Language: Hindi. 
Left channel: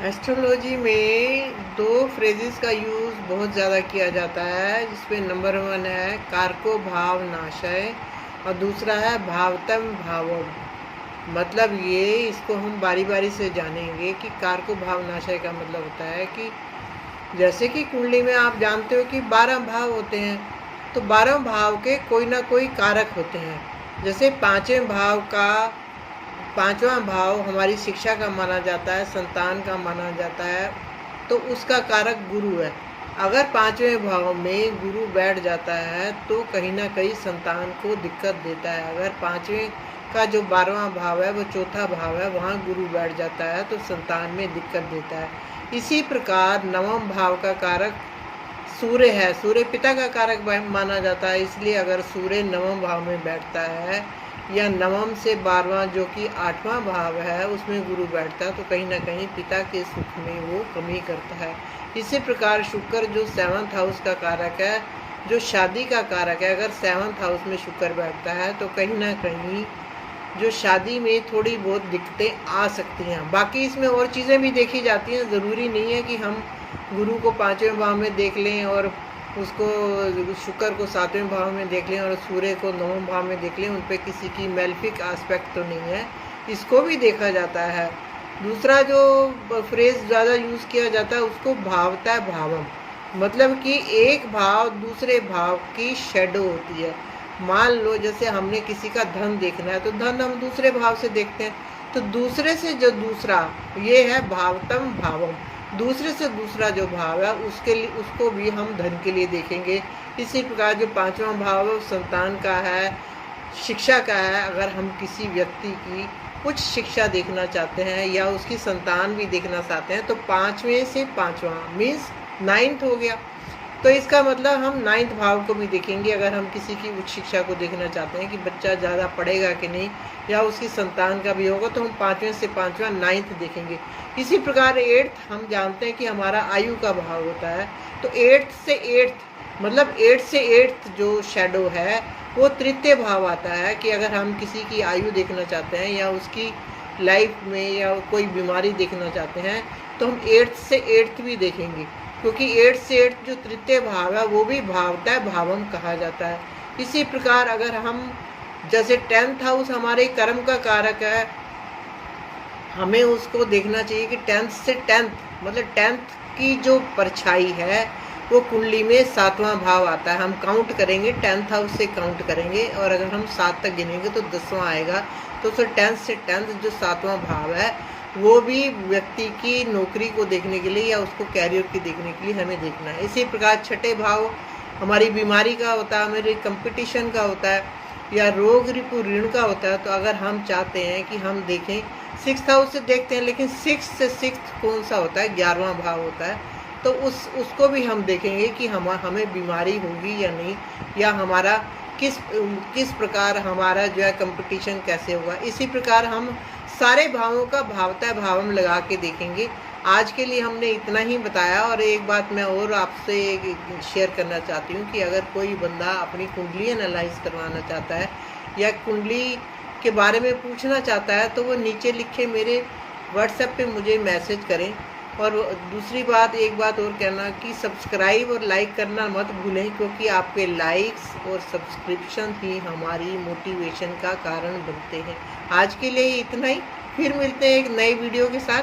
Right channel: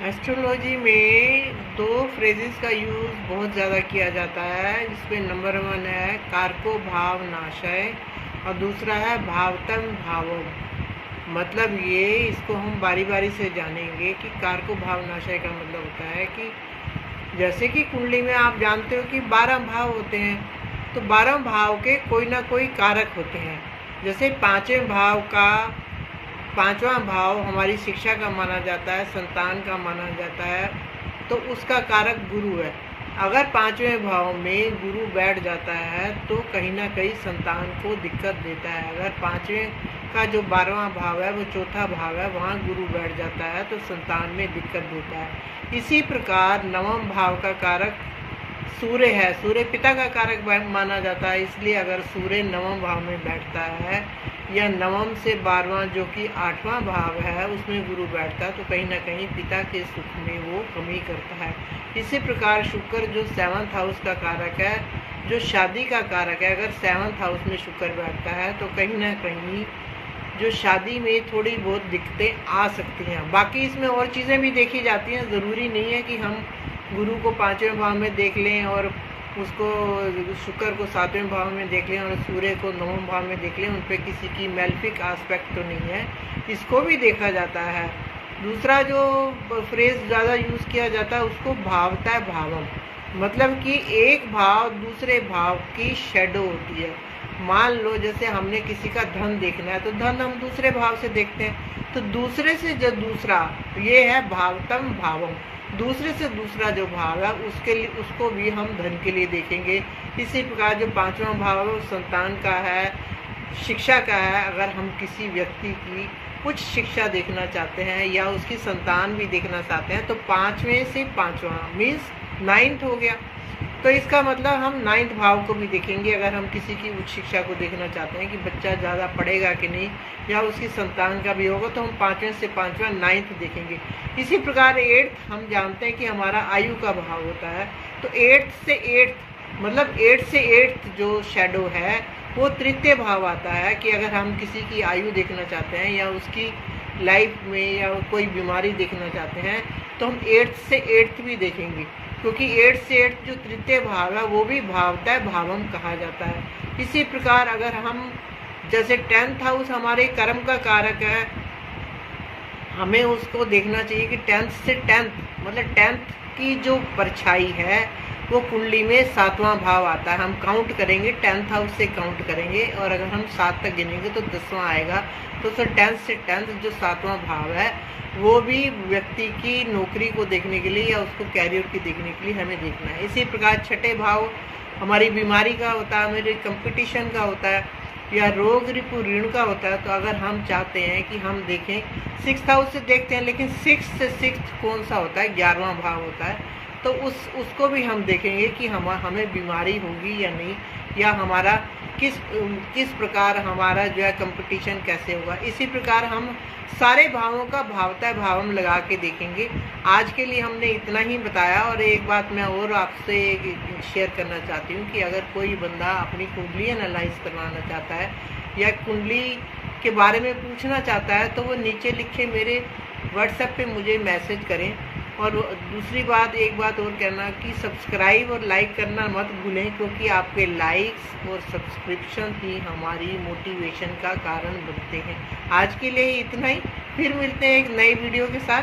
एस्ट्रोलॉजी में दो फ्रेजेस का यूज़ बहुत ज़्यादा किया जाता है, जिसमें नंबर 1 है कारको भाव नाशय और दूसरा है भावतम भावम। मतलब ये इसको हम बारी बारी से जानेंगे कि कारको भाव नाशय का मतलब होता है कि जैसे कि कुंडली में आप जानते हो कि 12 भाव होते हैं, तो 12 भाव के कोई ना कोई कारक होते हैं। जैसे पांचवा भाव हमारी शिक्षा का माना जाता है, संतान का माना जाता है, तो उसका कारक गुरु है। अगर पांचवें भाव में गुरु बैठ जाता है तो कहीं ना कहीं संतान को दिक्कत देता है। अगर पांचवें का जो 12वां भाव है वो चौथा भाव है, वहाँ गुरु बैठ जाता है तो संतान में दिक्कत देता है। इसी प्रकार नवम भाव का कारक सूर्य है, सूर्य पिता का कारक माना जाता है, इसलिए अगर सूर्य नवम भाव में बैठता है या नवम से 12वां जो कि 8वां भाव है उसमें गुरु बैठता है तो कहीं ना कहीं पिता के सुख में वो कमी करता है। इसी प्रकार शुक्र जो 7th हाउस का कारक है, जो शादी का कारक है, अगर 7th हाउस में शुक्र बैठता है तो कहीं ना कहीं जो शादी में थोड़ी बहुत दिक्कतें आ सकती हैं। बाकी इसमें और चीज़ें भी देखी जाती हैं, ज़रूरी नहीं है कि हम गुरु को 5वें भाव में देख लें और उसको शुक्र को 7वें भाव में देख लें और सूर्य को 9वें भाव में देख लें, उन पर किसी की मेलेफिक एस्पेक्ट तो नहीं है, इसको भी देखा जाता है। दूसरा जो फ्रेज ज़्यादा यूज़ किया जाता है उसको भावता भावम, मतलब कि एक भाव दूसरे भाव की शेडो होती है। मान लो जैसे हमने किसी का धन देखना है तो धन हम दूसरे भाव से देखते हैं, तो दूसरे से जो दूसरा, ये है भावतम भावम, दूसरे से दूसरा जो भाव है उसके लिए उसको भी हम धन के लिए देखेंगे। इसी प्रकार जो 5वां भाव है संतान का है, शिक्षा का है। अगर हम किसी व्यक्ति की कुछ शिक्षा देखना चाहते हैं या उसकी संतान भी देखना चाहते हैं तो 5वें से 5वां मीन्स 9th हो गया, तो इसका मतलब हम 9th भाव को भी देखेंगे। अगर हम किसी की उच्च शिक्षा को देखना चाहते हैं कि बच्चा ज़्यादा पढ़ेगा कि नहीं या उसकी संतान का भी होगा तो हम 5वें से 5वां 9th देखेंगे। इसी प्रकार 8th हम जानते हैं कि हमारा आयु का भाव होता है, तो 8th से 8th मतलब 8 से 8th जो शेडो है वो तृतीय भाव आता है कि अगर हम किसी की आयु देखना चाहते हैं या उसकी लाइफ में या कोई बीमारी देखना चाहते हैं तो हम 8th से 8th भी देखेंगे, क्योंकि 8 से 8 जो तृतीय भाव है वो भी भावता भावम कहा जाता है। इसी प्रकार अगर हम जैसे 10th हाउस हमारे कर्म का कारक है, हमें उसको देखना चाहिए कि 10th से 10th मतलब 10th की जो परछाई है वो कुंडली में 7वां भाव आता है। हम काउंट करेंगे 10th हाउस से काउंट करेंगे और अगर हम 7 तक गिनेंगे तो 10वां आएगा, तो सर 10th से 10th जो 7वां भाव है वो भी व्यक्ति की नौकरी को देखने के लिए या उसको कैरियर की देखने के लिए हमें देखना है। इसी प्रकार 6ठे भाव हमारी बीमारी का होता है, हमारे कंपटीशन का होता है या रोग रिपु ऋण का होता है। तो अगर हम चाहते हैं कि हम देखें 6th हाउस से देखते हैं, लेकिन 6 से 6 कौन सा होता है, 11वां भाव होता है, तो उसको भी हम देखेंगे कि हमें बीमारी होगी या नहीं, या हमारा किस प्रकार हमारा जो है कंपटीशन कैसे होगा। इसी प्रकार हम सारे भावों का भावता भावम लगा के देखेंगे। आज के लिए हमने इतना ही बताया। और एक बात मैं और आपसे शेयर करना चाहती हूँ कि अगर कोई बंदा अपनी कुंडली एनालाइज करवाना चाहता है या कुंडली के बारे में पूछना चाहता है तो वो नीचे लिखे मेरे व्हाट्सएप पे मुझे मैसेज करें। और दूसरी बात, एक बात और कहना कि सब्सक्राइब और लाइक करना मत भूलें, क्योंकि आपके लाइक्स और सब्सक्रिप्शन ही हमारी मोटिवेशन का कारण बनते हैं। आज के लिए इतना ही, फिर मिलते हैं एक नई वीडियो के साथ।